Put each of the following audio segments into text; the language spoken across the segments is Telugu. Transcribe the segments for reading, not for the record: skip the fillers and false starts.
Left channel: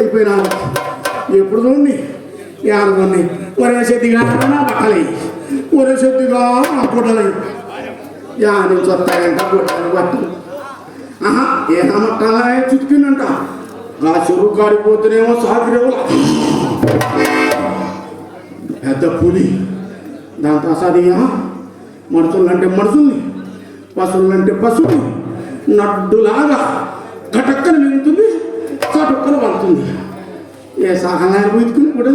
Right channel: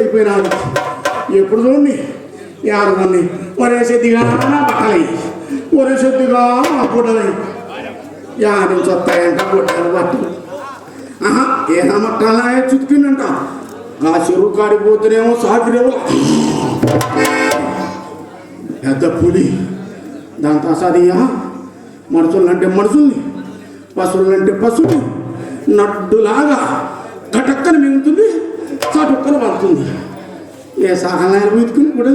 అయిపోయినాడు. ఎప్పుడు చూడండి యారదాన్ని ఒరే శెద్దిగా నా బట్టలై, ఒరే శెద్దిగా నా గుడ్డలై, యా నుంచి వస్తాయంట గుడ్డలు బట్టలు. ఏదో మట్టాలా చుట్టుకుందంట. ఆ చెరువు కాడిపోతేనేమో సాగిరేమో పెద్ద పులి. దాని ప్రసాదియా మనుషులంటే మనుషుల్ని, పశువులంటే పశువుని నడ్డులాగా కటక్కన మింగుతుంది, చటుక్కన పడుతుంది. ఏ సహాయాలు వెతుకుని ఇప్పుడు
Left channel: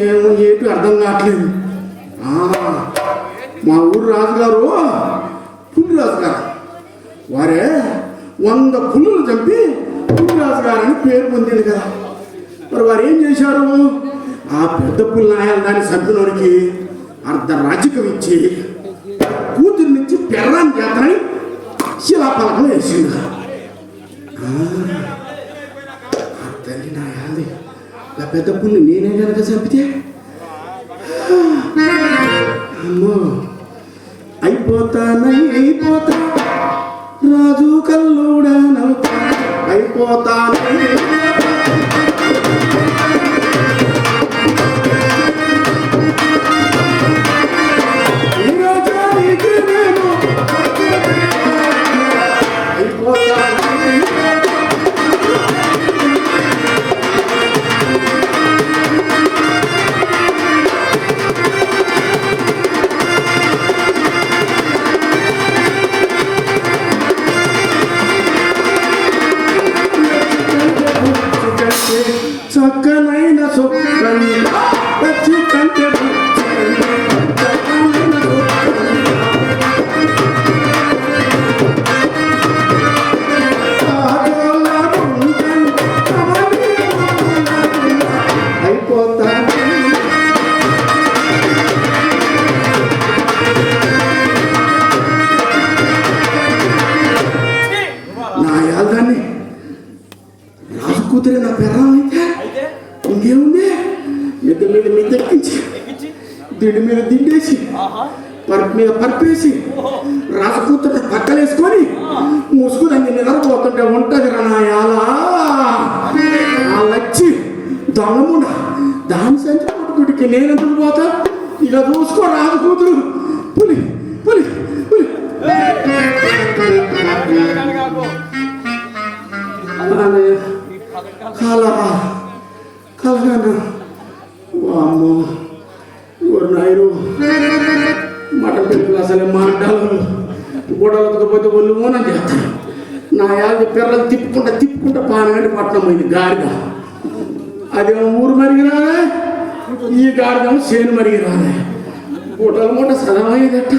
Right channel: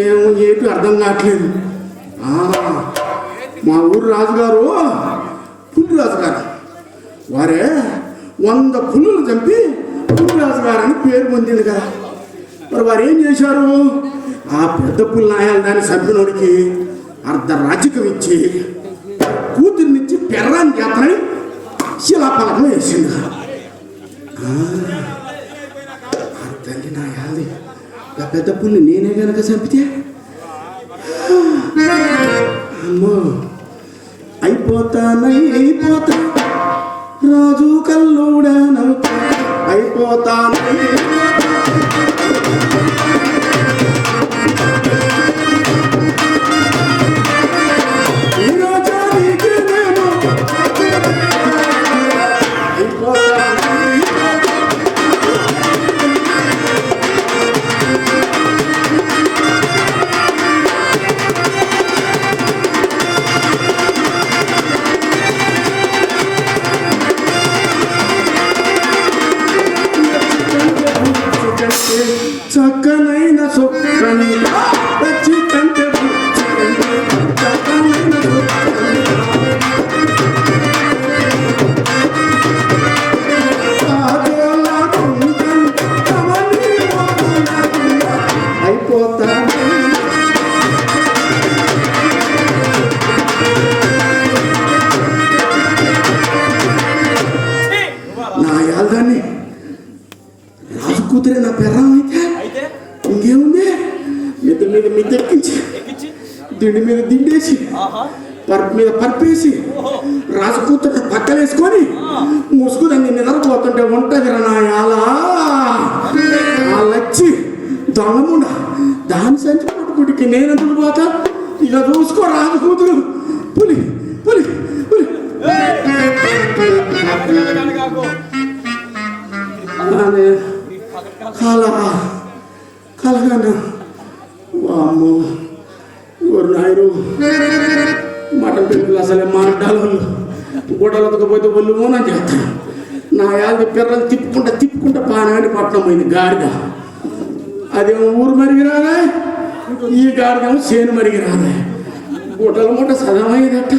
ఏమో ఏటి అర్థం కావట్లేదు. మా ఊరు రాజుగారు పులి రాజుగారు వారే 100 పులులు చంపి పులి రాజుగారు అని పేరు పొందింది కదా. మరి వారు ఏం చేశారు? ఆ పెద్ద పులి నాయాలు దాన్ని చంపినోడికి అర్ధరాజ్యకం ఇచ్చి కూతుర్నిచ్చి పెర్రాన్ని చేతనై శిలాపలకం వేసింది. తల్లి నాయాలి ఆ పెద్ద పుల్ని నేనే కనుక చంపితే అమ్మో అయిపోతా రాజు కల్లుడా అయిపోతాను. తిండి మీద దిండేసి పరుపు మీద పరుపేసి రాజకూతుట పక్కలేసుకొని ముసుగుదాన్ని నిద్రపోతుంటే ఉంటుంది నాయాలా వచ్చి దొంగముండ దాని సంచి పట్టుకుడికి నేనెందుకు పోతా ఇక చూసుకో రాజకూతురు పులి పులి పులి కలగాను వామ్మో ఓరు నాయను మటన్ పెట్టుకు అసలే మాట్లాడు గొడవలకపోతే వాళ్ళు మోనం చేస్తాను నా యాది పిర్రలు తిప్పుకుంటా పానగాని పట్టణం పోయింది గాడిద అదేమో ఊరు మరిగి రాలే ఈ గాడిదేమో చేను మరిగి రాలే మూట సదమయ్యేదట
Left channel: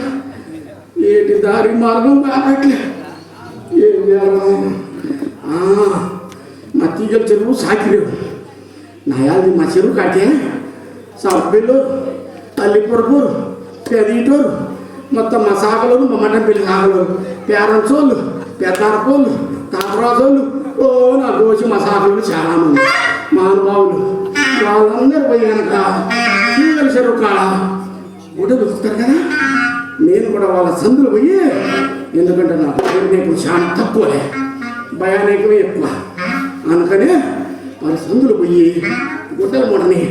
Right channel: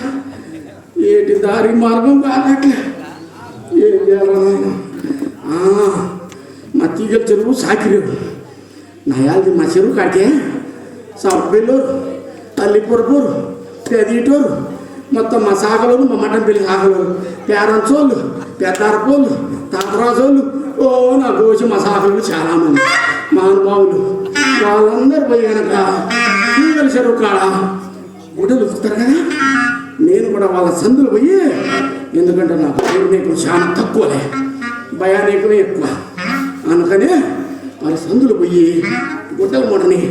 ఏంటి దారి మార్గం కానట్లే ఏం చేయాలి మా తీగల చెరువు సాకిరేవు నా యాది మా చెరువు కాకే సౌట్బిల్లు తల్లిపురపూరు పెదీటూరు మొత్తం మా సాగలోను మా మటన్ పిల్లి సాగలోను పేరంచోళ్ళు పెద్దారపోళ్ళు తాతరాజోళ్ళు ఓ నా గోచి మా సాగలు చాలామంది మహానుభావులు వాళ్ళందరూ పోయి కనుక తీగల చెరువు కాడ గుడ్డలు దొరుకుతారు కదా నేను కూడా వాళ్ళ సందులు పోయి ఎందుకంటే నాకు నీకు చాలా తక్కువలే భయానీకమే ఎక్కువ అందుకనే వాళ్ళ సందులు పోయి గుడ్డల మూటని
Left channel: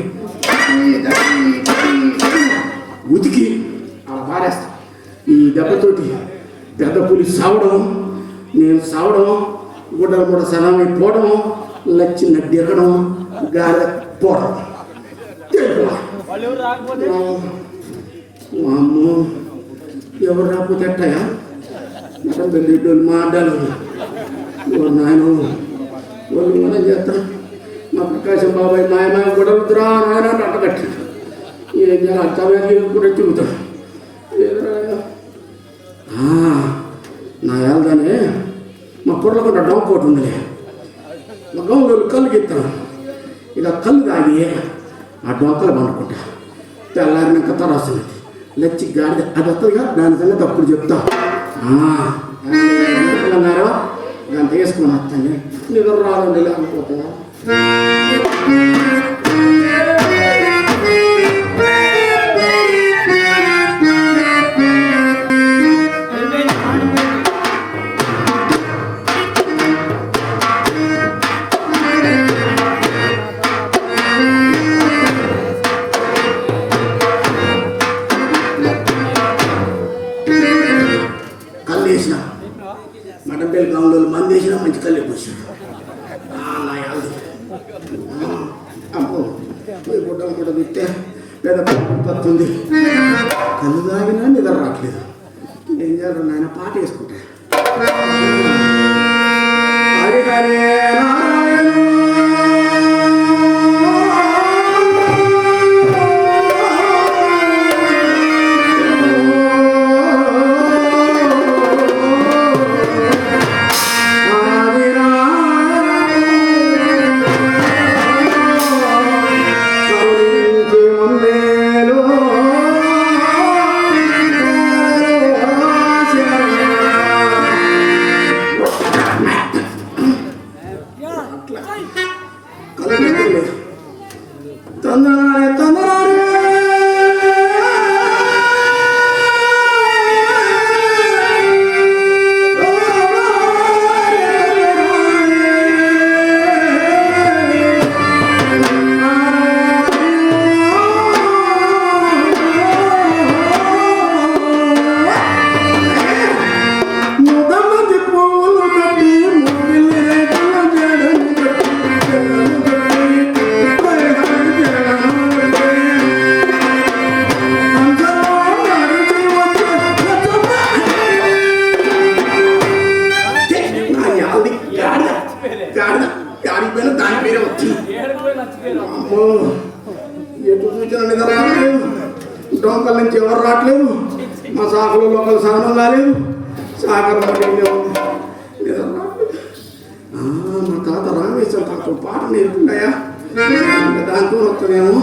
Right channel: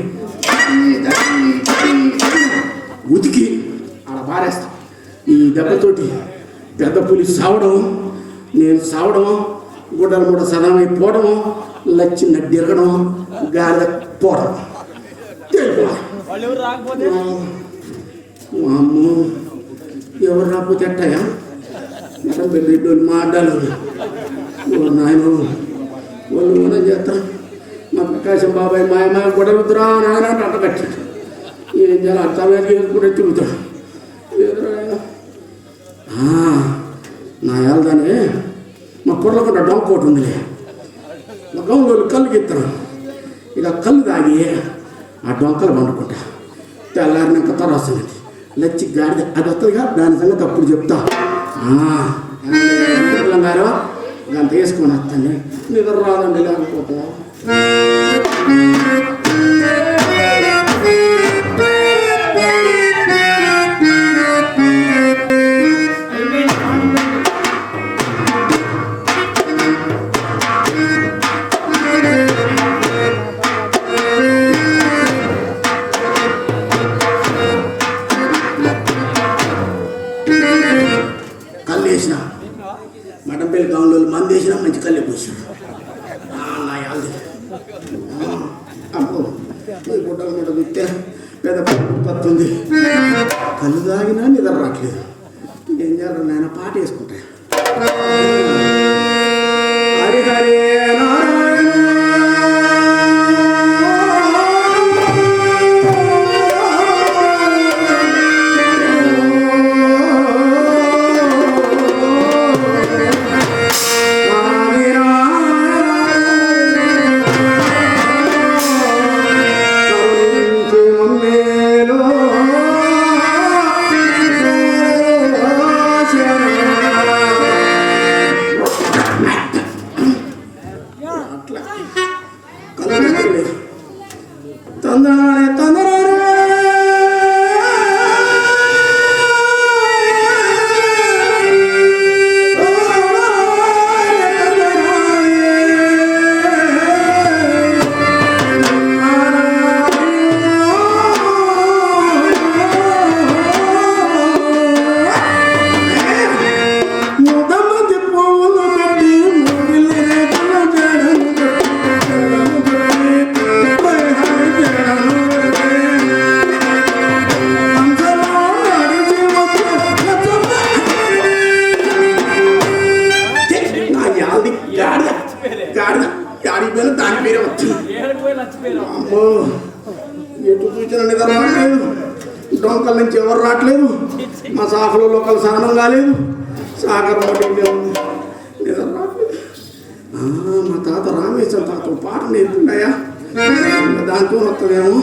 ఉతికి అలా పారేస్తా ఈ దెబ్బతోటి పెద్ద పులి సావడం నేను సావడం గుడ్డల మూట సదమైపోవడం లచ్చి నడ్డిరగడం గాలి పోవడం అమ్మో ఎవరు రాకపోతే ఎట్టాయా పెళ్ళిళ్ళు మాట్లాడాలి నాయన వాళ్ళు మనం చేస్తారు మా ప్రకాశం బాబాయ్ మాయ కూడా వద్దురా నాయన అట్ట కట్టాడు ఏం చేయాలి అర్థమే కూడా చెబుతాడు నా వెళ్దానే మా కుర్రలో కూడా డొంక ఒకటి ఉందిలే గౌలో కళ్ళు గీస్తాను ఇక కళ్ళు తాగి ఆ డొంకలు పండుకుంటా తెల్లారినాక తరాస్తున్నది లచ్చి గాడిద అది వస్తుందిగా దాని సంగతి అప్పుడు చెప్తా గారు దాన్ని వేసుకొని వస్తాను నిద్ర రాదండి లేకపోతే మటన్ పెళ్లి కాలంలో మంది వేసినా మంచి కళ్ళు కూర్చున్నాడు గుడ్డల మూట చూస్తే పెద్ద పడుతుంది కళ్ళు తాగినా నిద్ర రావట్లేదు ఏం చేయాలి నాయన పాట వేసుకుంటా హరి హరి దాని పేరే వచ్చింది అమ్మో ఎటు చూసిన నిద్ర రావట్లేదు డొంకల నుంచి ఎవరు రావట్లేదు మా సాకులో లోకల్ స్నానం కాలేదు సాగర్ నిద్ర రావట్లేదు మా తాత రామేశ్వర తాత పాట నేర్పుంటాయా దాంతో వస్తుందేమో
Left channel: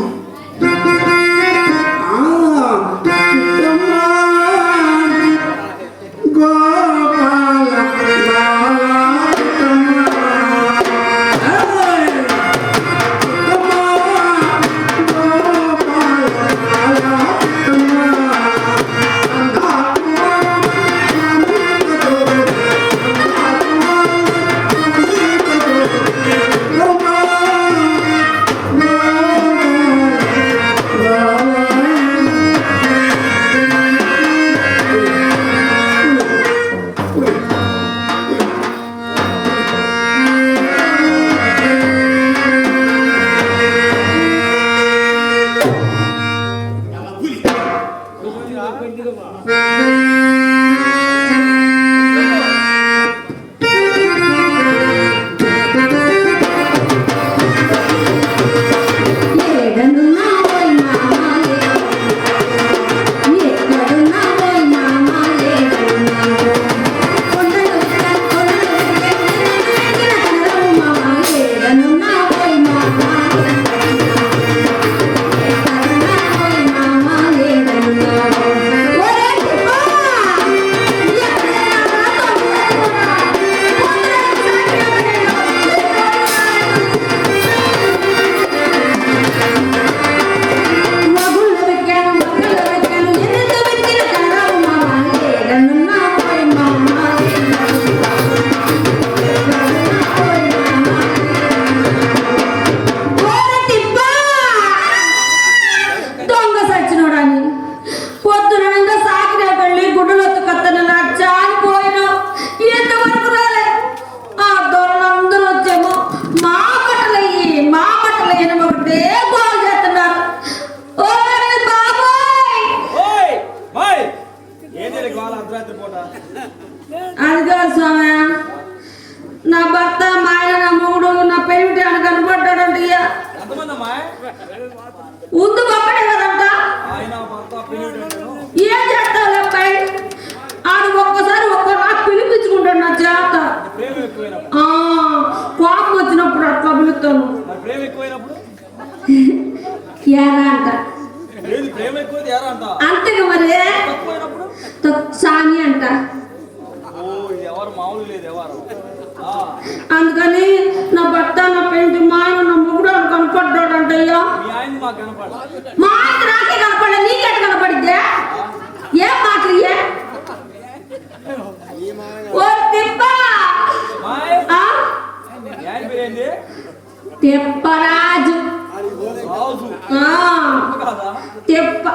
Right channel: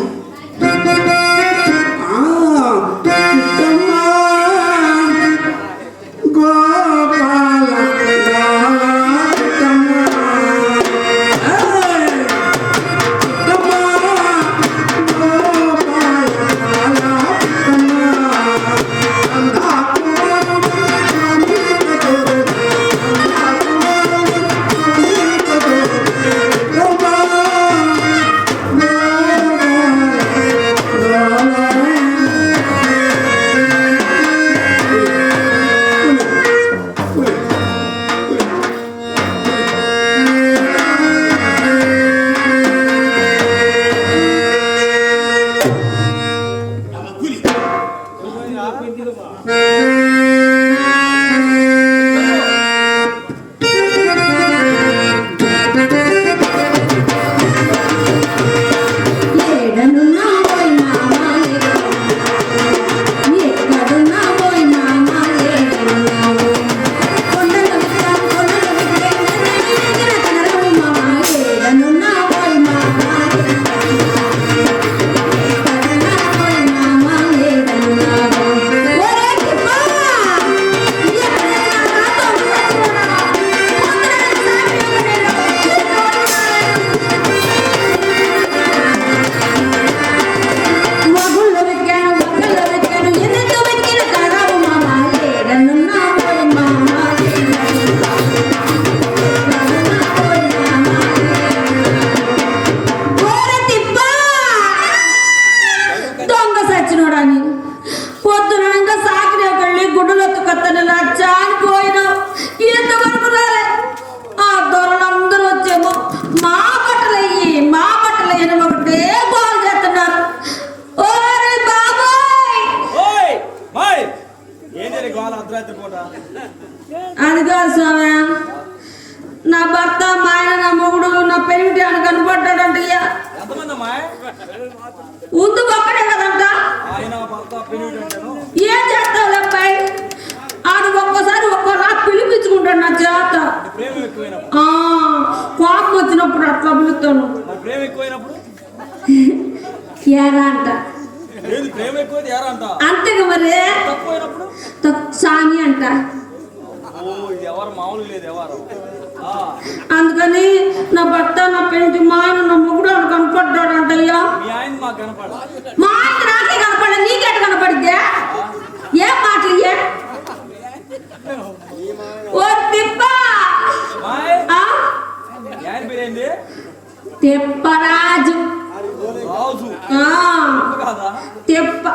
అప్పుడు ఏరా అంట. ఏంది ప్రేమ ఎక్కువైతే ఏరా అంట అంతేగా మరి. తక్కువైనప్పుడు సామి అంట. ఓ ఇది ఎవరు మామూలు లేదు ఎవరు అందుకని నా భర్త నా పెంటి మా ఆయన నా మొగుడు అని కనపడ్డాడు అంటయ్యా. మీ ఆయన మాకు కనపడ మా ఆయన నాకే కనపడ నీకెట కనపడిద్దే? ఏం మాటలు ఇయ్యే? ఓ తిప్ప మీ ఆయన పేరేంటి తిప్పరాజు. రాజు కాదా తిప్ప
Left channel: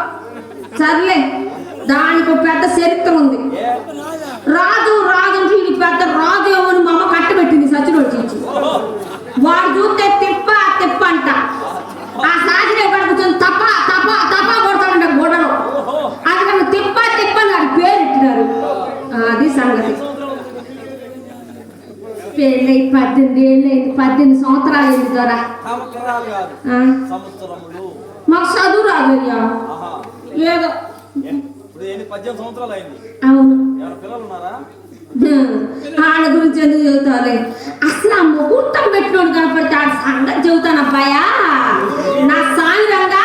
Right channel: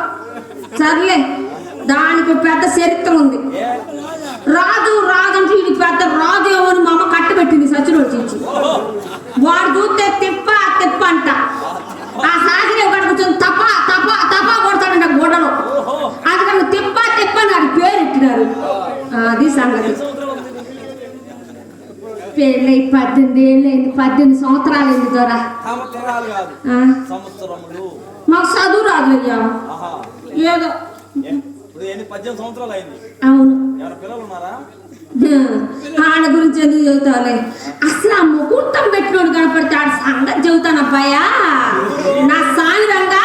సర్లే, దానికి ఒక పెద్ద చరిత్ర ఉంది. ఏ రాజు రాజు అంటే ఇది పెద్ద రాజు ఏమని మా అమ్మ కట్టబెట్టింది సచిన వచ్చి. వాడు చూస్తే తిప్ప తిప్ప అంట. ఆ సాగిన వాడు కూర్చొని తప్ప తప్ప తప్ప కొడతాడంట గోడలో. అందుకని తిప్ప తిప్ప అని వాడి పేరు ఇట్టినారు. అది సంగతి. పెళ్ళై 18 ఏళ్ళు అయింది. 18 సంవత్సరాలు అయింది ద్వారా. సంవత్సరాలు కాదు సంవత్సరములు. మాకు చదువు రాదు అయ్యా. ఏదో ఇప్పుడు ఏంటి 18 సంవత్సరాలు అయింది. అవును. ఎవరు పిల్లలు ఉన్నారా? ఆడ గురించి ఎందుకు చెబుతావులే. అసలు ఆ ముహూర్తం పెట్టినోడు కనపడితే ఆడ సంగతి చెబుతాను అబ్బాయా. నా సాయిరంగా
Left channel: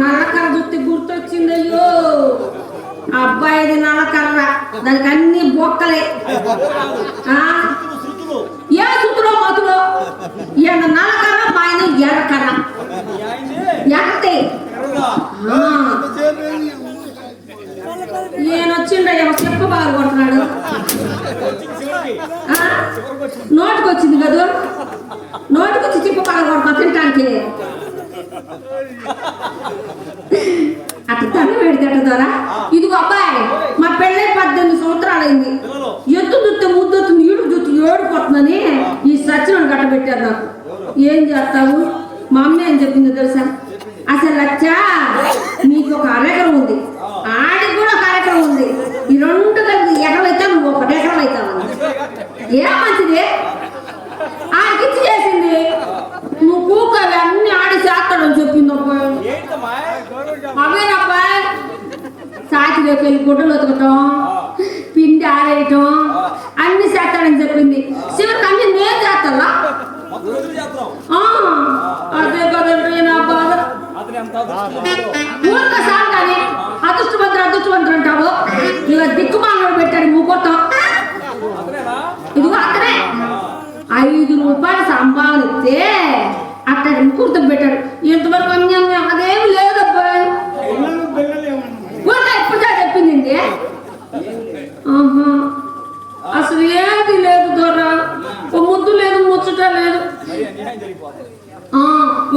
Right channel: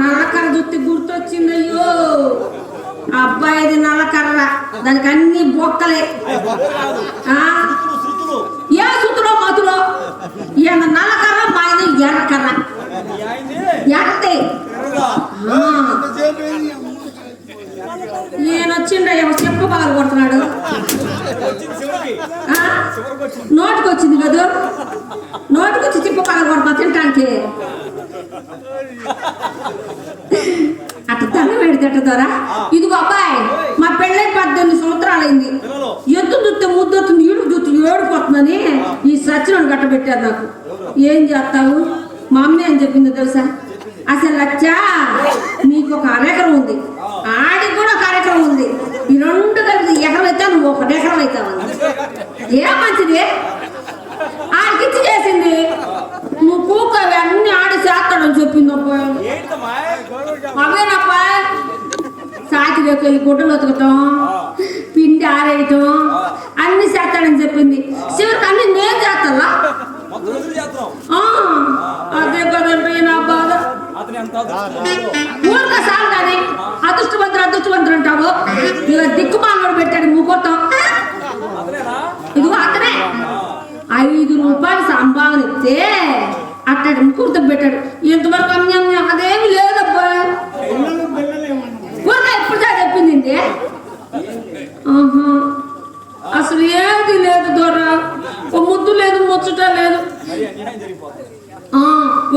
నల్లకర్ర చూస్తే గుర్తొచ్చింది. అయ్యో అబ్బాయిది నల్లకర్ర, దానికి అన్ని బొక్కలే. ఏ సుతులో మతులో ఈయన నల్లకర్ర, మా ఆయన ఎర్రకర్ర. ఎర్రతే ఈయన వచ్చిండయ్యా చెప్పు బాగా కొడుతున్నాడు. నోటికి వచ్చింది కదా, నోటికి వచ్చి చెప్పు బాగా కొడతా తింటానికి. అట్ట తన పెడితే ద్వారా. ఇదిగో అబ్బాయి, మా పెళ్ళై 18 సంవత్సరాలు అయింది. ఎత్తు దుత్తే ముద్దొత్తు నీళ్లు దుత్తు ఏడిపోతుందని ఈ సచ్చినోడు గట్టబెట్టారు నాకు. ఏం చేస్తావు? మా అమ్మ ఏం చెప్పిందో తెలుసా? అసలు లచ్చా నీకు ఒక అరెకరం ఉంది, ఆడికి కూడా ఒక అరెకరం ఉంది. ఈ రెండు కలిపి ఎకరం అవుతావు, నువ్వు 1 ఎకరం అవుతావు. ఏం మంచిది ఆడికిచ్చి చేసింది. నువ్వు కూకవి అన్ని ఆడి చేస్తాడని చెప్పింది అబ్బాయి. అవేనబ్బా సాకిలోకి వెళ్ళి గుడ్డలు ఉతకటం, పిండి ఆరేయటం అన్ని చేస్తాడని చెప్పింది. చివరికి అన్ని నేను చేస్తావా? అదే కదంటే నా బాధ. ఊరిక సాగుతాని అదృష్టవంతుడు అదృష్టవంతుడు అంటావు. ఇక దిక్కుమాలను పెట్టాడు ముహూర్తం. ఇదిగో అతనే 5 రూపాయలు సంభావన ఇస్తే అట్టడి ముహూర్తం పెట్టాడు. ఇంతవరకు అన్యాయం అదేమి లేదబ్బా. ఊరిక ఇప్పుడు చెప్పింది. అసలు ఏది లేదు దొర, ఒక ముద్దు లేదు, ముచ్చట లేదు.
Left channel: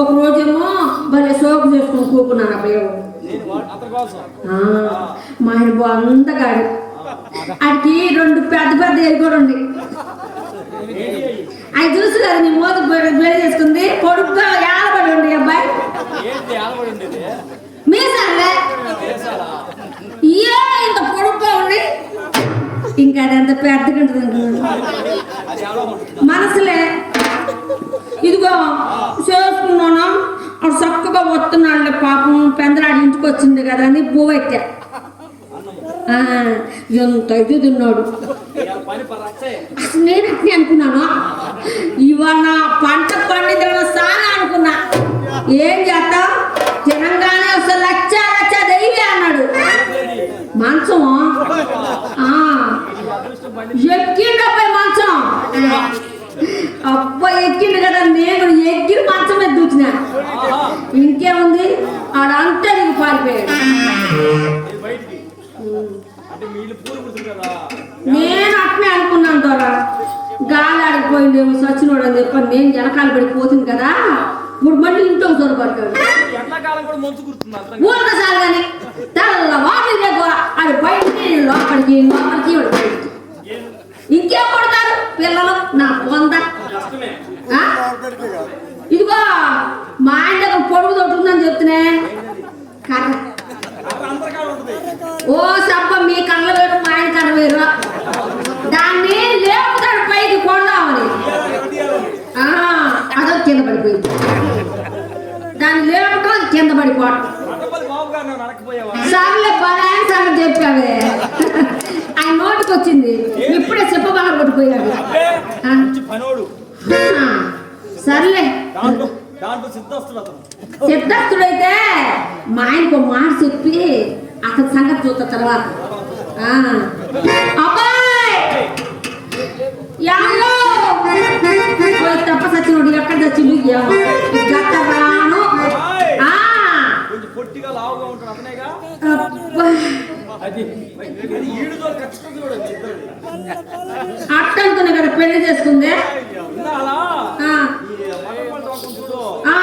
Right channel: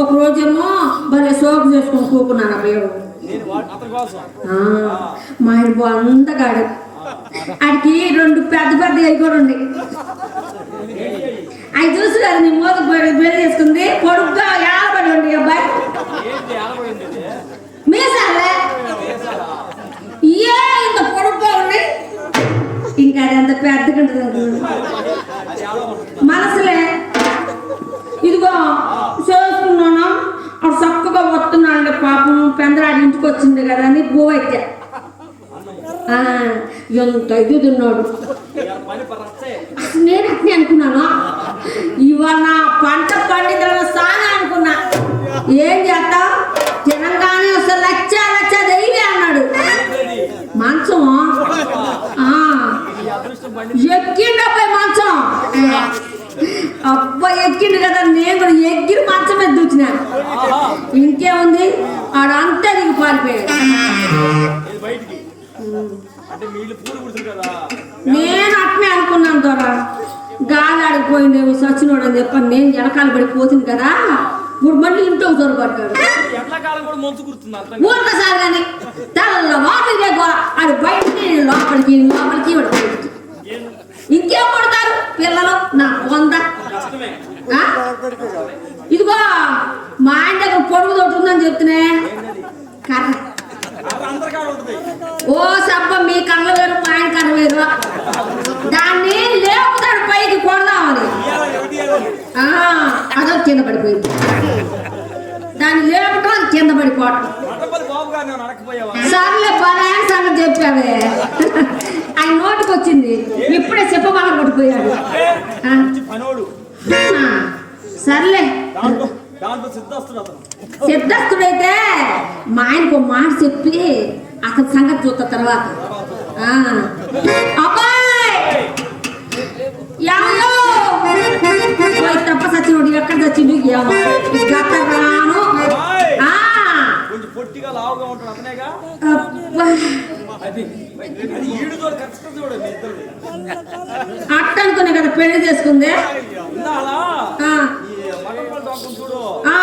ఒక రోజేమో భలే సోపు చేసుకొని కూకున్నాను అబ్బాయి. మా ఆయన బాగుందగాడు. ఆడికి 2 పెద్ద పెద్ద ఎలుగుండి. అవి చూసి కదా నీ మోదకు వేడి చేసుకుంది. పొడుగ్గా ఏలబడి ఉండి అబ్బాయి మీసాలే ఏ ఇంత పొడుగ్గా ఉండి. ఇంకా అది అంత పెద్దగా మనసులే. ఇదిగో చేసుకున్నాను, అప్పుడు చక్కగా వస్తున్నాడు పాపం. పెందరాడి ఇంటికి వచ్చింది కదా అని పోవైతే ఎంత ఇది తిన్నాడు. నేను అట్నే అనుకున్నాను, ఇవాళ పంట పండితులు సాగా అనుకున్నా. ఏం చేస్తావు? తినంగానే అసలు లచ్చ లచ్చ దెయ్యి అన్నాడు. మంచం ఎక్కిండపై మంచం. అబ్బాయి ఎక్కిండు కదా, నేను కూడా ఎక్కిన మంచం మీద దూచిన. ఇంకేముంది, ఆడంతా నీకు పారిపోయాడు. నేను అట్నే అనుకున్నాను ద్వారా. గాలి ఆడిపోయిండేమో సచ్చినోడు అని చెప్పని నేను వెనకాల పడిపోతుంది కదా. ఇప్పుడు మళ్ళీ ఇంట్లో దొరకట్టాడు. ఊరికసారి కానీ తెల్లవారు ఆడు బయటికి లోపలికి లోపలికి బయటికి. ఇంకేం కొడతారు పిల్లలు నా పొంద. ఇదిగో మా ఆయన దగ్గర పొడుగు తోటుందని చెప్తున్నా. కర్ర ఓ సబ్బ మీ కళ్ళ వేరు, మా ఆయన కర్ర వేరు. దాన్ని లేపుతాడు పైకి కొడదామని. అదో కింద పడిపోయింది. దాన్ని లేపటం అది కింద పడిపోవటం. సర్లే పరాయణ సంగతి చెప్పావే. ఆయన నోటికి వచ్చింది. ఇప్పుడే చెప్పబాగా పడిపోయాడు. సర్లే దాంట్లో దాంట్లో సిద్ధస్తుడు అతను. సిద్ధస్తుడైతే మా ఆయనకు ఒక మాట చెప్పి అతని సంగతి చూస్తా తర్వాత. అబ్బాయి యాలో తప్ప సచ్చినోడు ఎక్కడ చచ్చిండు ఏమో రాను. కొంచెం పొట్టిగా లావుగా ఉంటాడు అతనేగా. అబ్బా అది అది ఈడు చూడు ఖచ్చితంగా చూడు మీ ఇద్దరిది. అట్ట అనుకునే కదా పెళ్లి చేసుకుందే. ఇందాలా ఆ, ఈ మగవాళ్ళ డొక్కలు చూడు. ఆ,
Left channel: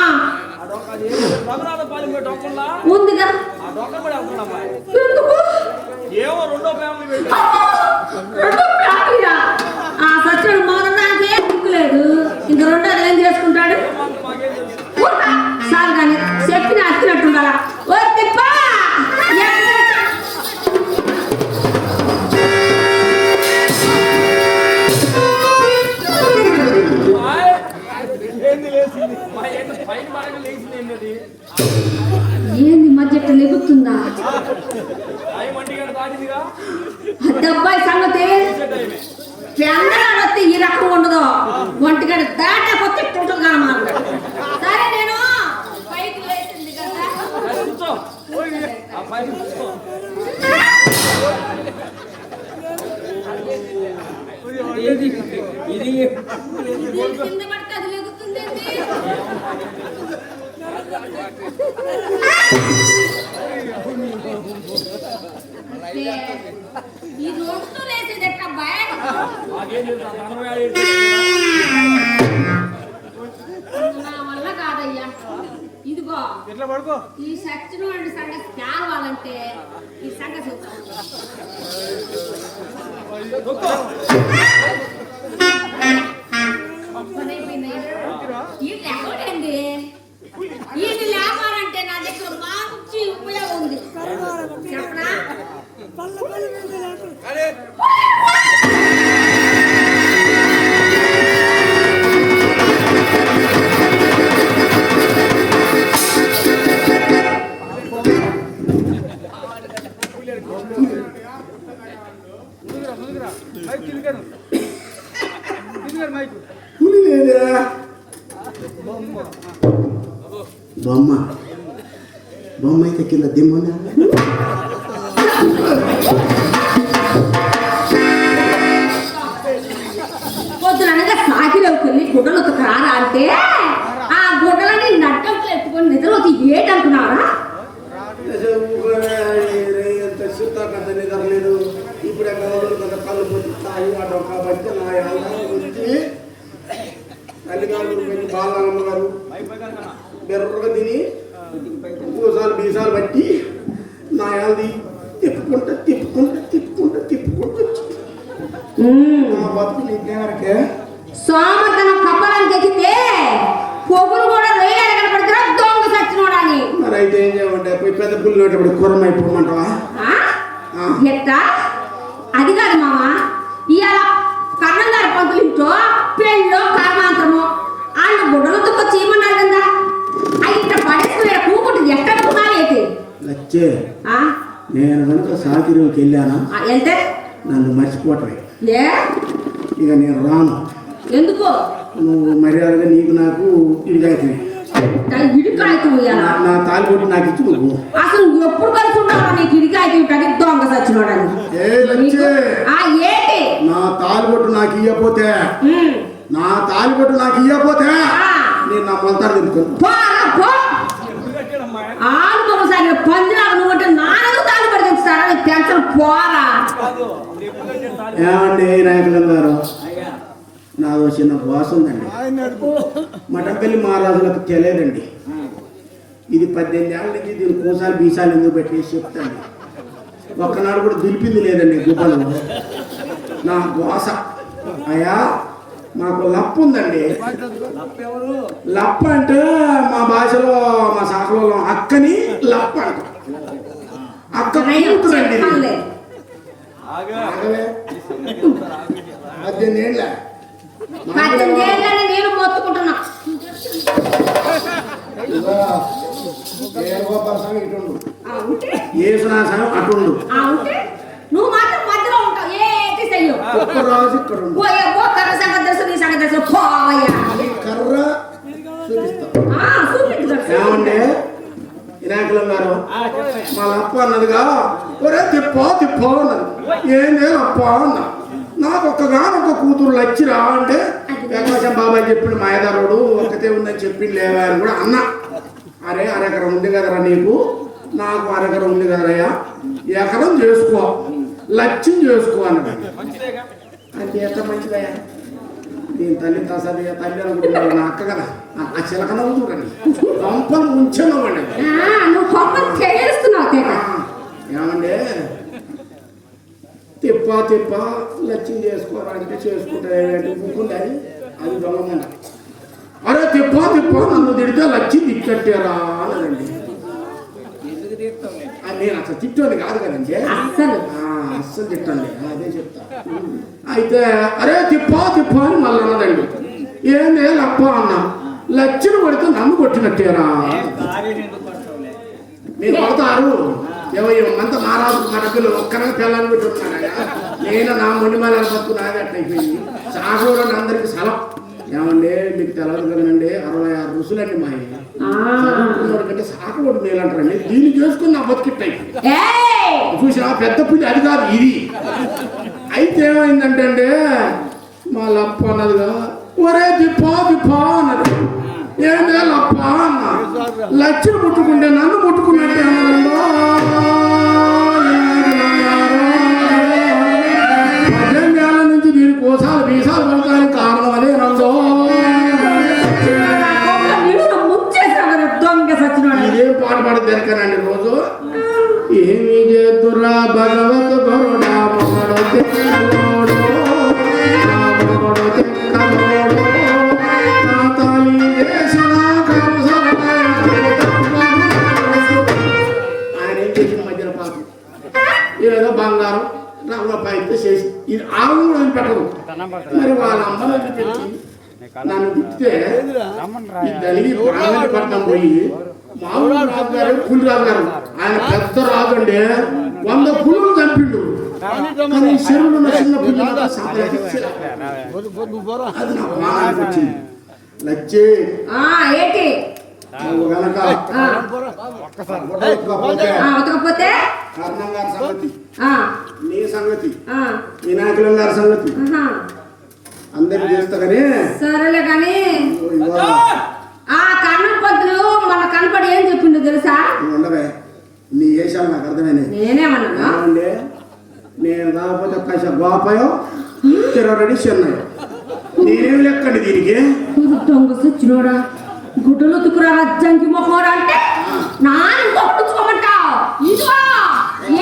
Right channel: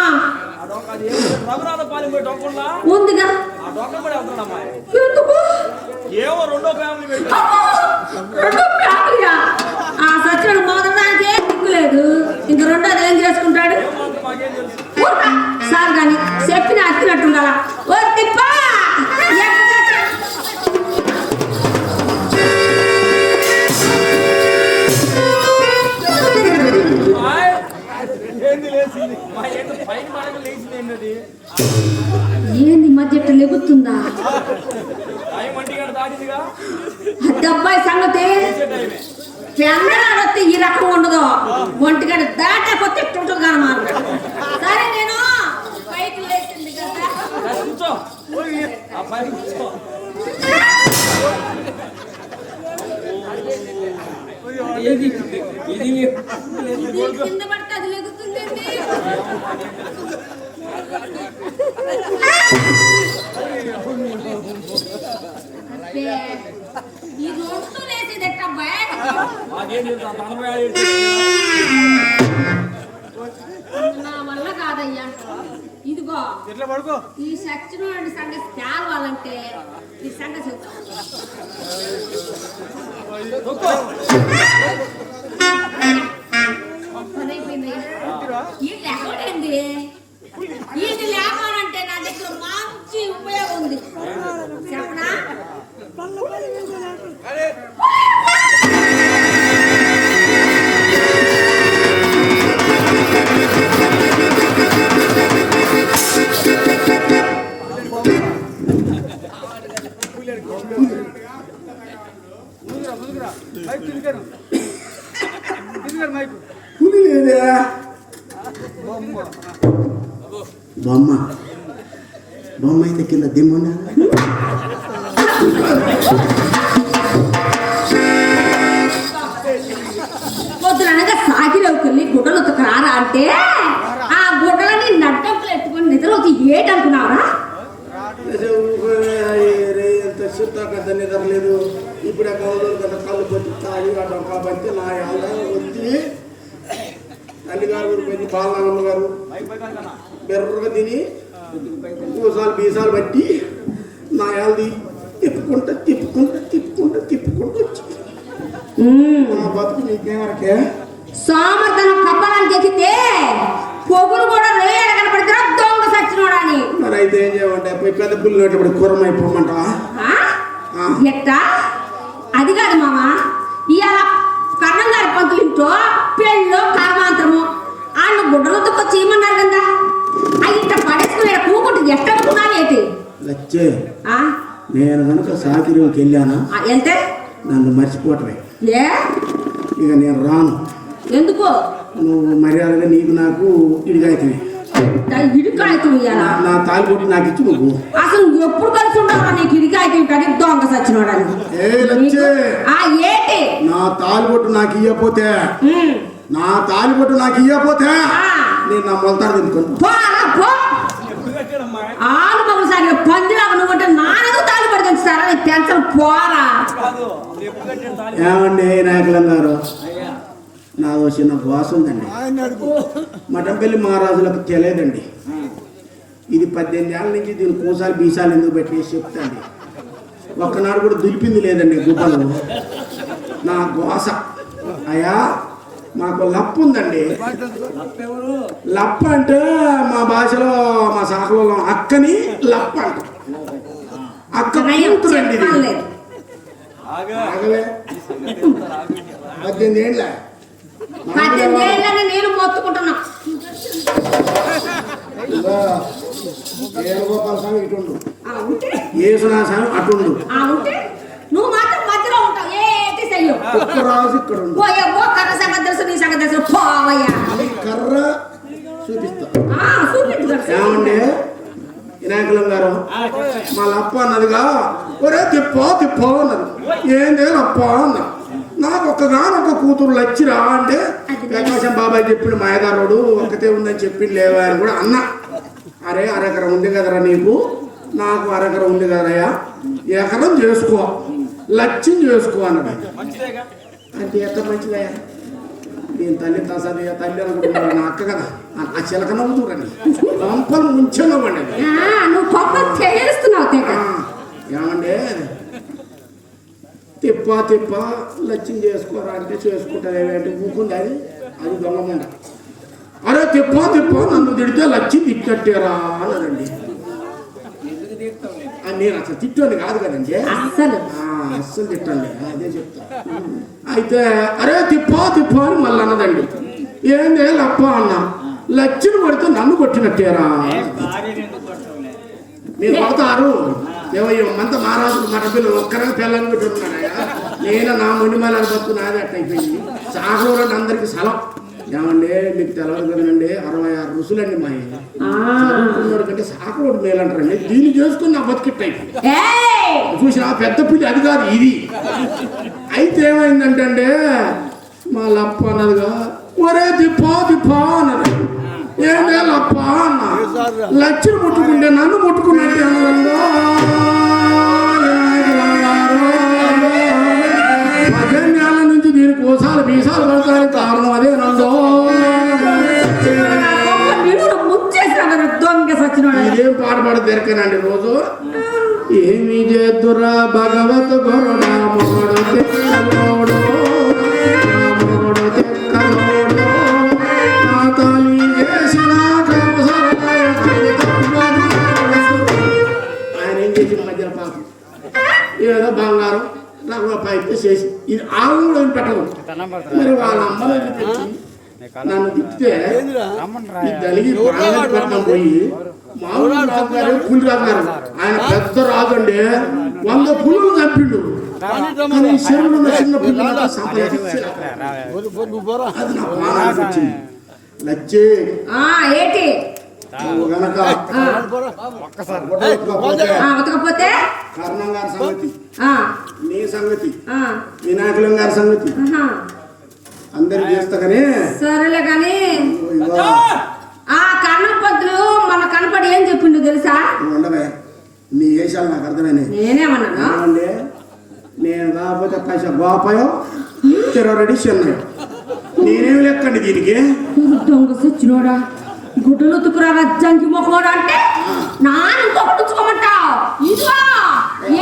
ఆ డొక్క అది రఘునాథ పాలెం పోయి డొక్కల్లా ఉందిగా. ఆ డొక్కలు కూడా వెళ్తున్నాడు అమ్మాయి. ఎందుకు ఏమో రెండో ఫ్యామిలీ వెళ్ళి రెండో ఫ్యామిలీయా? ఆ సచ్చినోడు మొదలడానికి ఏం దిక్కులేదు, ఇంక రెండోది ఏం చేసుకుంటాడు? మాకేం తెలుసు. సార్ కానీ చెప్పిన అత్తినట్టుండాలా. ఓ తిప్ప ఏంది లేచింది మా ఏంటి పైన బాగా లేచింది ఏంటది. ఏంది మధ్య లెగుతుందా? టైం ఒంటి గంట దాటిందిగా. డబ్బాయి సంగతి టైమే చంద్రాలు వస్తే ఈ రకం ఉండదు. ఒంటిగంట దాటకపోతే టుటుగా మాట. సరే నేను పైకి లేచింది కదా. కూర్చో ఆ పైన కూర్చో. ఇది ఇది ఇది కింద పడితే అది లెగుతుంది. ఈ రోడ్డుతో లేచేది ఎట్టబ్బాయ్? మాకేం తెలుసు. నా వల్ల కాదయ్యా. ఇదిగో ఈ సచ్చినోడి సంగతి తేవాలంటే ఈ సంగతి చెప్తా. పని అయిపోయిందయ్యా. ఈ లెక్కడేంది? ఇది లేపాలంటే నా దగ్గర మంచి ఉపయోగం ఉంది. చెప్పనా? పులి లేదా బొమ్మ బొమ్మ అయితే కింద దిమ్మునా. పొద్దుననగా సాగిరవుకెళ్ళి గుడ్డలు ఉతకరారా అంటే ఆ గుడ్డలని నట్టంపులు ఎత్తుకొని నిద్రలోకి ఏటనుకున్నావరా? ఎంత చిత్త నిద్రలేదు. ఇప్పుడు కదా కళ్ళు పెట్టి తాగి ఆ డొక్కా పట్టి నా వచ్చి తల్లిగారు పెద్ద బాలనాగమ్మ గారు బెర్రగా తిని పూసాలు బీసాలు బట్టి నా యాది తిప్పుకుంటా తిప్పుకుంటా తిప్పుకుంటా తిప్పుకుంటూ వచ్చి నా బతుకు నీకేమరకే సోమర్తనం కప్పడానికి ఎక్కితే పొగులు కూడా రేయాలి కనపడితే దొంగ సచ్చినోడని. మరి అయితే ఏం చేయమంటే పెద్ద పుల్లు ఇప్పుడు కూరమైపోమంటావా? ఎట్టా? అది కాదు మామ, ఇవాళ కర్ణం గారి పంతులు ఇంట్లో పెళ్ళో కర్మాంతరము వాళ్ళు గుడ్డలతో చేయమన్నారు కదా. అవి ఇట్లా పడేసుకుని కూకుంటుంది. ఎట్ట అనుకున్నావేటి? లచ్చే నేను కనుక సాకిరికి వెళ్ళానా వెళ్తే నన్ను మర్చిపోవటమే. ఏ ఇక నేను రాను. ఎందుకు? నువ్వు మర్యాదగా నీకు నాకు ఇడిగాయితే ఇడికాయతు నా తాలిబొట్టు నాకు ఇచ్చి నువ్వు అసలు ఎప్పుడు కలిసి ఉంటావా? నీకు ఇడికాయతు కానీ దొంగ సచ్చినోడని. ఏంటి? నా తాలిబొట్టు నాకు ఇయ్యపోతే నేను నా మొలతాడు తినుకో. ఆలు బొమ్మసారి పందిలాగా నువ్వంటే నాన్నకు తాళి పడుతుంది సార్. అది పెంచడం పోరా. ఏమండి నాయకులం గారు, నాదో చిన్న బాస్ ఉందండి. మఠంపల్లి మహారాజులకు తెలియదండి. ఇది 18 ఏళ్ళ నుంచి దీని కోసాలు బీసాలు ఎందుకు పెట్టేసి చెప్తాండి. ఒక్కనాడు కూడా దులిపింది లేదండి గుడ్డలు. నా గోస అయ్యా మాకు లప్పు ఉందండి. లప్ప అంటే మా భాషలో మా శాఖలో అక్కని లప్ప అంట. అక్క కూతురండి. 18 ఏళ్ళ నేను మొత్తుకుంటున్నా. వేణుగోపాల స్వామి ఇటుండు, యేసునా స్వామి అటుండు. నువ్వు మాత్రం మధ్యలో ఉంటావు. ఏంటి చెయ్యు ఒక్కరాజు ఇక్కడ ఉండు. సంగతి తెలుసు నీ సంగతి తెలుసు పోవయ్యా. కర్ర చూపిస్తా. చూపించు ఏమండి వినాయకులం గారు, మా అప్ప అన్నదిగా ఒరే తిప్పో తిప్పో అన్నది. ఏంది అప్ప అన్న. నాకు ఒక్కగానొక్క కూతురు లచ్చిరా అంటే వెంకటేశం బాబాయ్ చెప్పిండు మాయదారుడు ఒక్కతే ఉందని చెప్పిండు లేవా అని కూడా అన్నా. అరే అరెకరం ఉంది కదరా నీకు, నాకు అరెకరం ఉంది కదయ్యా, ఎకరం చేసుకో లక్ష్యం చేసుకో అన్నది. అంటే ఎంత మంచిదయ్యా, నేను తల్లి తసది తల్లి అనుకుంటున్నాను నా అక్క కదా ఆ చిలక నవ్వుతుండండి పంపలు ముంచెవ్వండి. ఏమండి తిప్ప తిప్ప లక్ష్యం చేసుకోరా అంటే చేసుకుంటారు బుక్కుంది అది అది దొంగమండ. అరే తిప్ప తిప్ప నన్ను తిడితే లక్ష్యం తిట్టట్టారా అన్నదండి. నేను అసలు తిట్టండి కాదు కదండి, అస్సలు తిట్టండి అదే చెప్తా. అయితే అరే తిప్పో తిప్పో అని మళ్ళీ అన్నదండి. ఏంది లప్ప అన్న, లక్ష్యం పడితే నన్ను కొట్టినట్టారా. మీరు కొడతారు ఏమంత మహారాజు మన పిల్లలు ఒక్కరికి పిల్లలు పెట్టుకున్నాడా. నేను నా ముండిమల బతుకు నాది అట్లా అయిపోయింది. సాగూరండి అందరికి సెలవు. ఏమండి మీకు తెలవదు కదండి 66 రుసులండి మా కంటే సాకలోడు మేలంటారండి. దీన్ని చేసుకుని నా బతికిట్ అయిపోయింది. చూసా పెద్ద పిల్లి అది కాదు ఇది. అయితే ఏమైందంటే మా లప్ప అన్నదిగా ఒరే తిప్పో తిప్పో అన్నది. ఏంటే లప్ప అన్న, లక్ష్యం ముట్టుకుంటే నన్ను ముట్టుకున్నట్టే అన్నదండి. 18 ఏళ్ళ నుంచి దీని కోసాలు బీసాలు పడతానికి కారణం అదే నందో. ఇదేం పాడబడి దొరకనండి రోజు. ఏమి చేతురా భగవత్ గరుడా మొగడు తెక్కలోడు ఆయన ఏం చేసిన మధ్యలో పాపం ఏదో బంగారం రంగపాయితే చేసి ఇది ఆవులు కూడా పెట్టదు. మరి వాళ్ళ అమ్మని తెచ్చి నన్ను తిప్పితే దలిగి ప్రాణాలు పడతాం పోయి మామూలు రాజు గారు పులి రాజు గారు ఆయన పెద్ద రాజు అండి 100 పులులు చంపిండు. కానీ చెరువులో ఉన్న చిన్న పుల్లు సంపాదించి అది నా ప్రాణానికి వచ్చింది. నచ్చే గనక కర్ణం గారి సంగతి, నీ సంగతి, వినాయకులం గారి సంగతి అందరికి చేస్తా కానీ సరేలే కానీ ఆ కర్ణం పంతులు మన కనపడి ఏం చెప్పిండు తెలుసా? ఉండగా నీ వేషాలు నాకు అర్థమైనాయి. నేనేమన్నా నేను రాకపోతే పైసా గోపాయో తిరగడి చెన్నై నేనేమి లెక్కండి దీనికి. దొంగ సచ్చినోడా గుడ్డలు తుకురా రజ్జంకి మొహోడా అంటే నాన్న కొట్టుకోమంటావు. ఇదిగో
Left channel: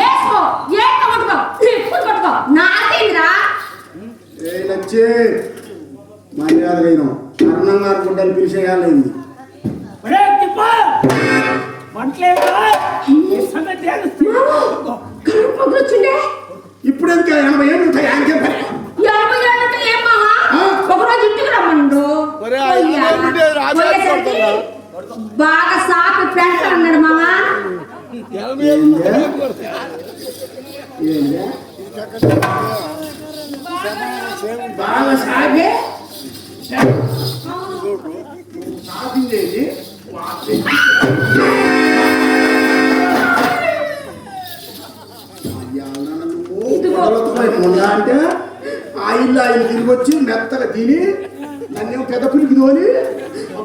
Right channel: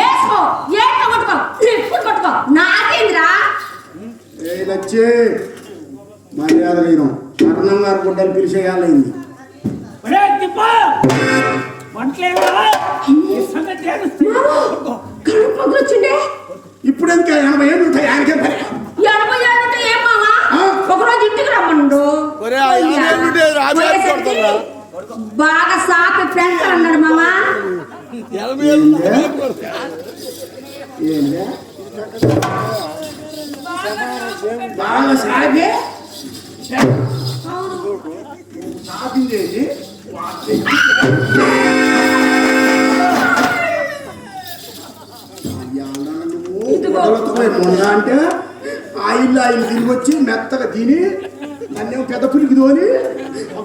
ఏసుకో ఏంటో కొట్టుకో ఎప్పుడు కొట్టుకో నాకేందిరా. ఏ లచ్చే మర్యాద అయినా కర్ణం గారు గుడ్డలు పిలిచేయాలైంది. ఇప్పుడు ఎందుకు 80 ఏళ్ళు ఉంటాయి ఆయనకే పని. 80 ఏళ్ళు ఉంటే ఏం మామా ఒకరోజు ఇంటికి రమ్మను బాగా సాపి పెంచాలి అన్నాడు మామా. బాగా సాగే సాపించేసి అంటే ఆయిల్ తిరిగి వచ్చి మెత్తగా తిని నన్నేమో పెద్ద పులికి తోని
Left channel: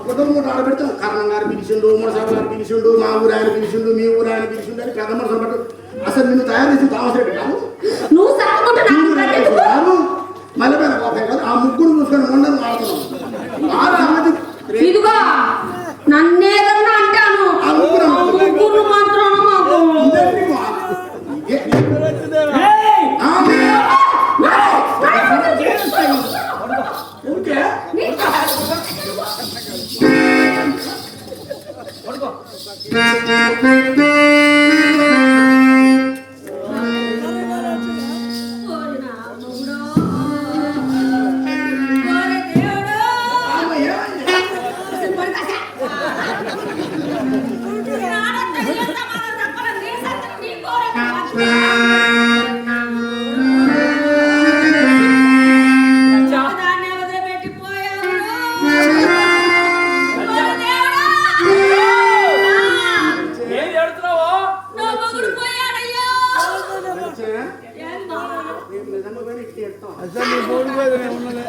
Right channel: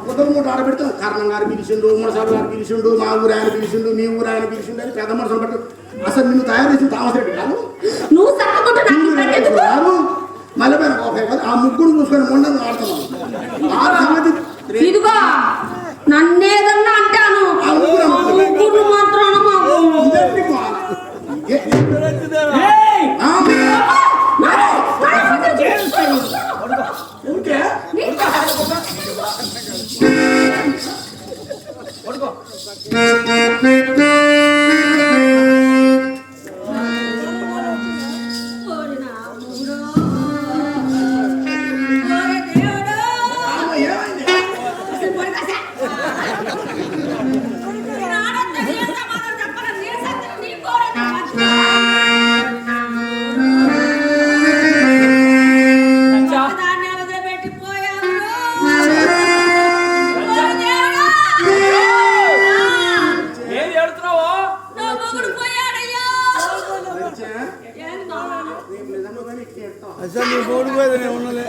కుటుంబం ఆడబెడతాం. కర్ణం గారు పిలిచిండు, మునసాబు గారు పిలిచిండు, మా ఊరు ఆయన పిలిచిండు, మీ ఊరు ఆయన పిలిచిండు అని పెద్ద మనుషులు పట్టు అసలు నిన్ను తయారు చేసి తామసేపు కాదు మళ్ళీ ఆ ముగ్గురు మూసుకొని ఉండని వాడుతున్నాం. ఆ సంగతి ఇదిగో నన్నేదన్నా అంటాను ముగ్గురు మాత్రం దేవుడు అసలు నీ బోర్డు మీద నేను ఉన్నలే.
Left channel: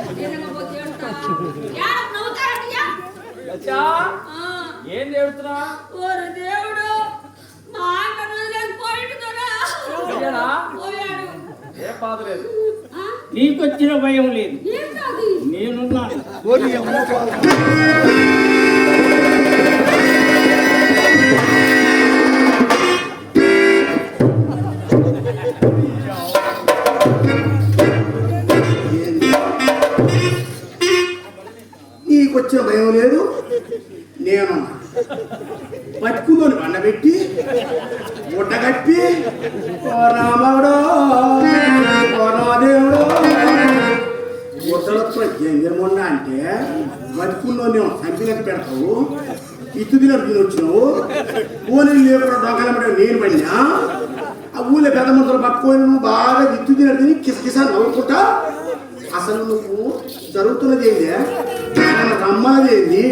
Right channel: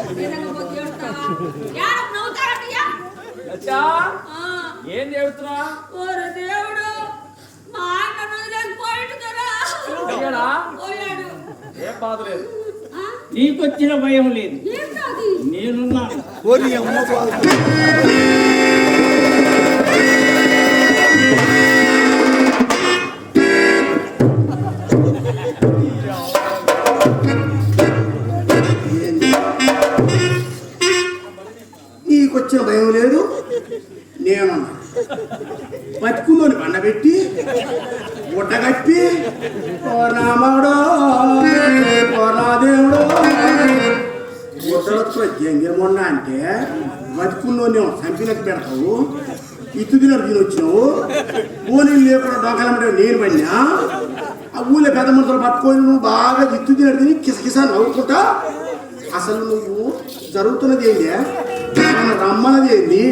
లచ్చా, ఏం చెబుతున్నా? ఓరే దేవుడు, మా ఆయన వదిలేసి పోయిండు దొరా. అయ్యాడా? పోయాడు. ఏం బాధ లేదు, ఆ? నీకొచ్చిన భయం లేదు, ఏం కాదు. నేనున్నాను. పోనీ అమ్మ పోనీ. నీకొచ్చిన భయం లేదు, నేను బతుకులోని బండబెట్టి గుడ్డగట్టి ఓ నామడో ఓ నా దేవుడో గుడ్డలొచ్చిన జంగేమొండ అంటే బతుకుల్లో నేను చంపినట్టు పెడతావు, ఇత్తు తినట్టు తినొచ్చినావు, పోనీళ్ళు లేకుండా దొంగలమ్మడే నేను పడినా, ఆ ఊళ్ళో పెద్ద మనుషులు పట్టుకొని నువ్వు బాగా ఇత్తు తినట్టు తిని కిసకిస నవ్వుకుంటా. అసలు నువ్వు జరుగుతున్నది ఏంటి, ఆయన రమ్మన్నది ఏంటి,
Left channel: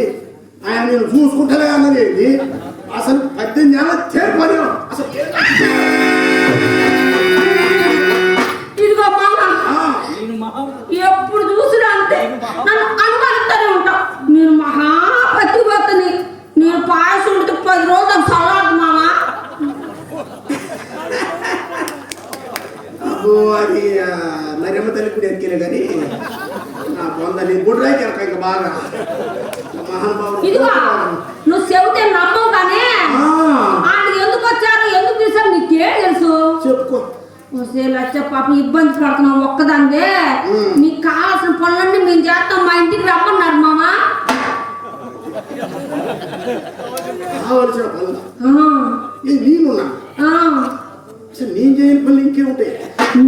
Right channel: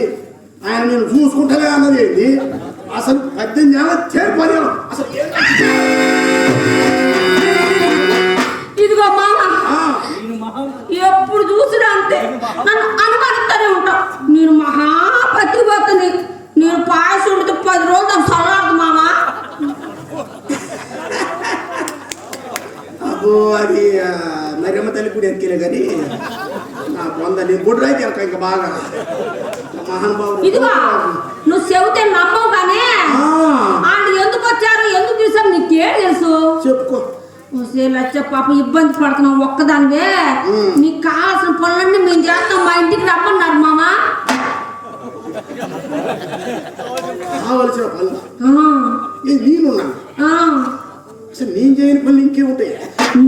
ఆయన నేను చూసుకుంటలే అన్నది ఏంటి, అసలు 18 ఏళ్ళ చేరిపోయి అసలు ఇదిగో మామ, నేను మహా ఎప్పుడు చూసినా అంతే నన్ను అనుమానిస్తూనే ఉంటావు. నేను మహాపతివతని, నేను పాయసం ఉంటే 10 రోజులు చదవదు మామ. అబ్బో అది మరమ్మ తల్లి కూడా ఎక్కిలే కానీ నా పొంద నేను గుడి రాయికి ఇంకా బాగా ఇదిగో మహానుభావుడు. నువ్వు చెబితే నమ్మవు కానీ వాళ్ళు ఎందుకు వచ్చారు, ఎందుకు పిలిచారు నీకే తెలుసు. చెప్పుకో. లచ్చ పాప ఇబ్బంది పడుతున్నావు ఒక్కదానివే. నీకు కావాల్సిన పనులన్నీ మేము చేస్తాం, మా ఇంటికి రమ్మన్నారు మామ. కావలసిన పనులు నేనున్నా, అసలు నేను చేయని పనులు ఇంకేముంటాయి.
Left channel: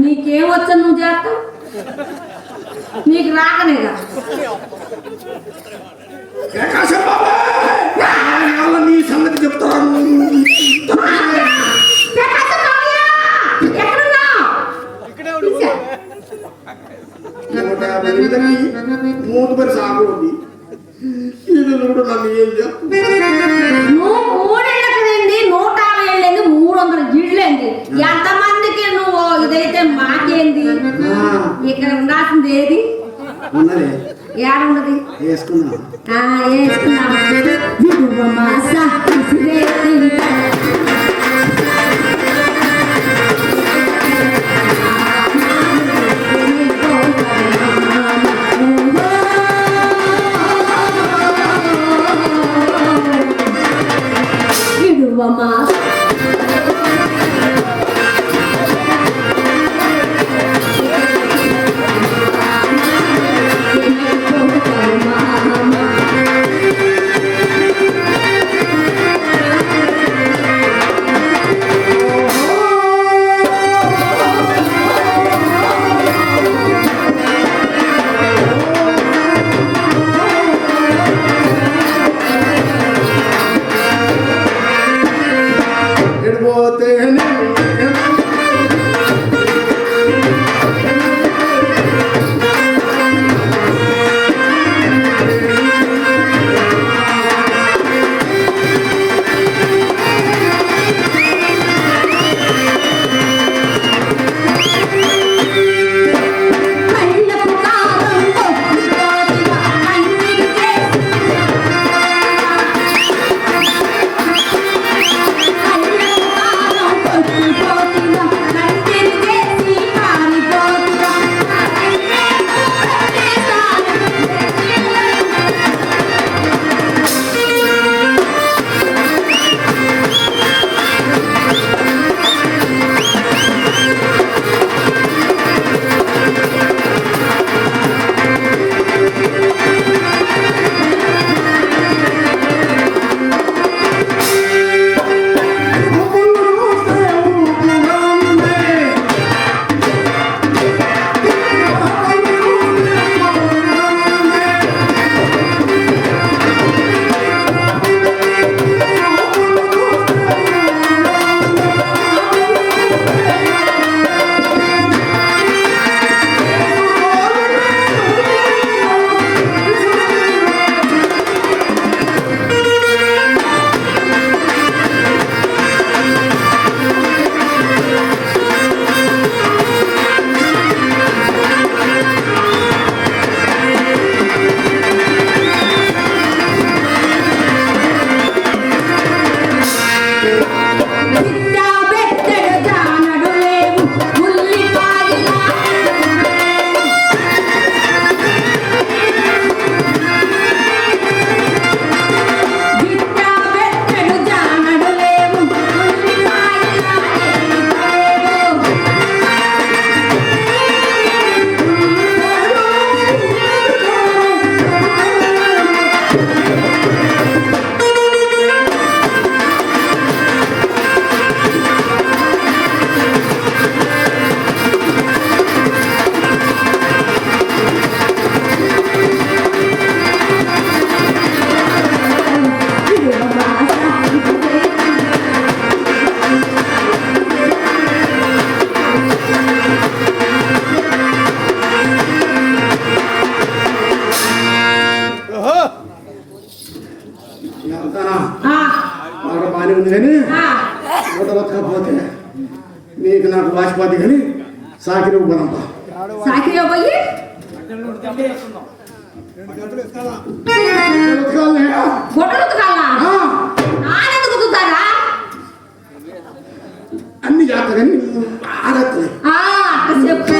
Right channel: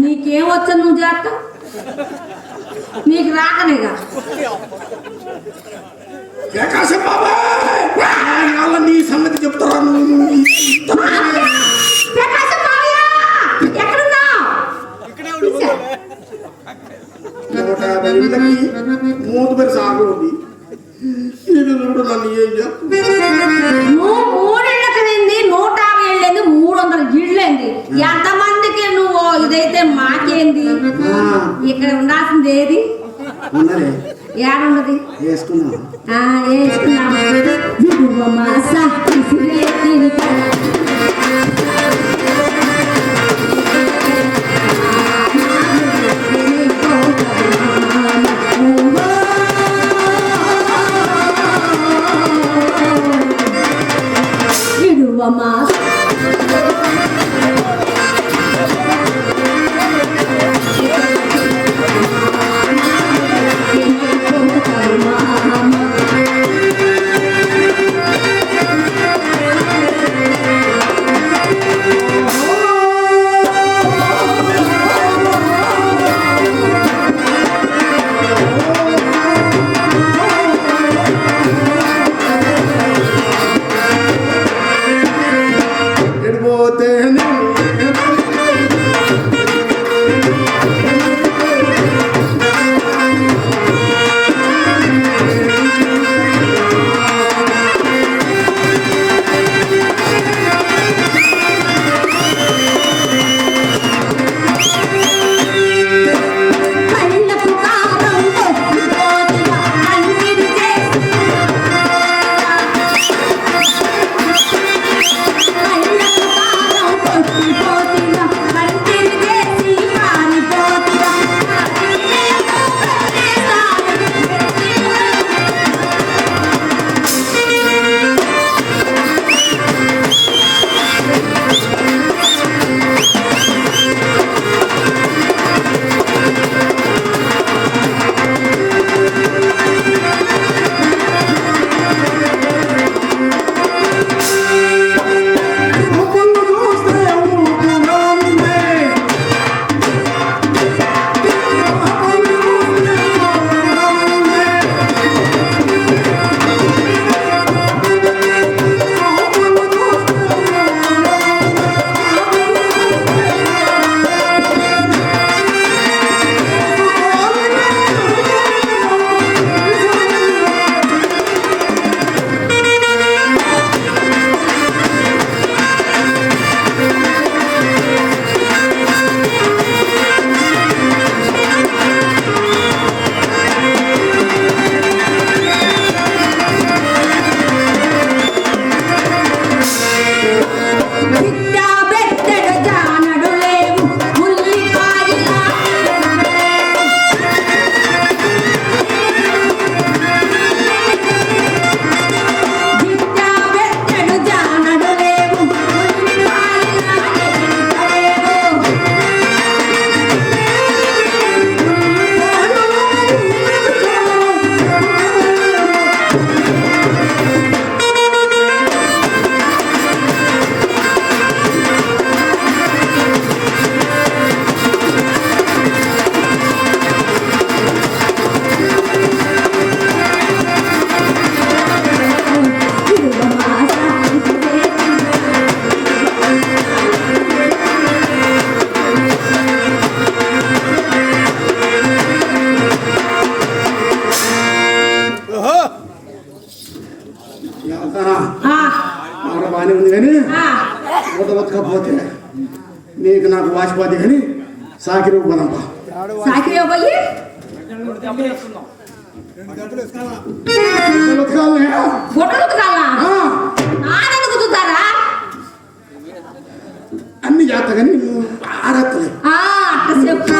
నీకేం వచ్చా నువ్వు చేస్తావు, నీకు రాకనేగా. ప్రకాశం బాబా నీ సంగతి చెప్తాను. ప్రకాశం మావయ్య, ఎక్కడున్నావ్? ఇక్కడే ఉండిపో. 150 మూడు పేరు సాగు ఉంది. ఇది కూడా నన్ను ఏం చెప్తాను. నువ్వు 3 ఇళ్ళకి నిండి 150 ఏళ్ళేంది, 300 ఇళ్ళేంది, ఎంతమందికి నువ్వు ఇదైతే మాకేంది. ఇక్కడ ఉండాల్సింది ఏది ఉన్నదే ఏడున్నది వేసుకున్నాను. వేసుకున్నాము. దొరకకపోతే నీకు నాకు వాసిపోతే కానీ సాకిరి పోదాంపా. సాకిరి పోయి బట్టలు ఉతికేస్తున్నాం. ఉతకాలే. గుడ్డలు ఉతకాలా ఆ, నానెందుకు ఉతుకుతారా అన్ని చేస్తా కానీ నువ్వు ఆడత్తలే. అట్ట చెప్పు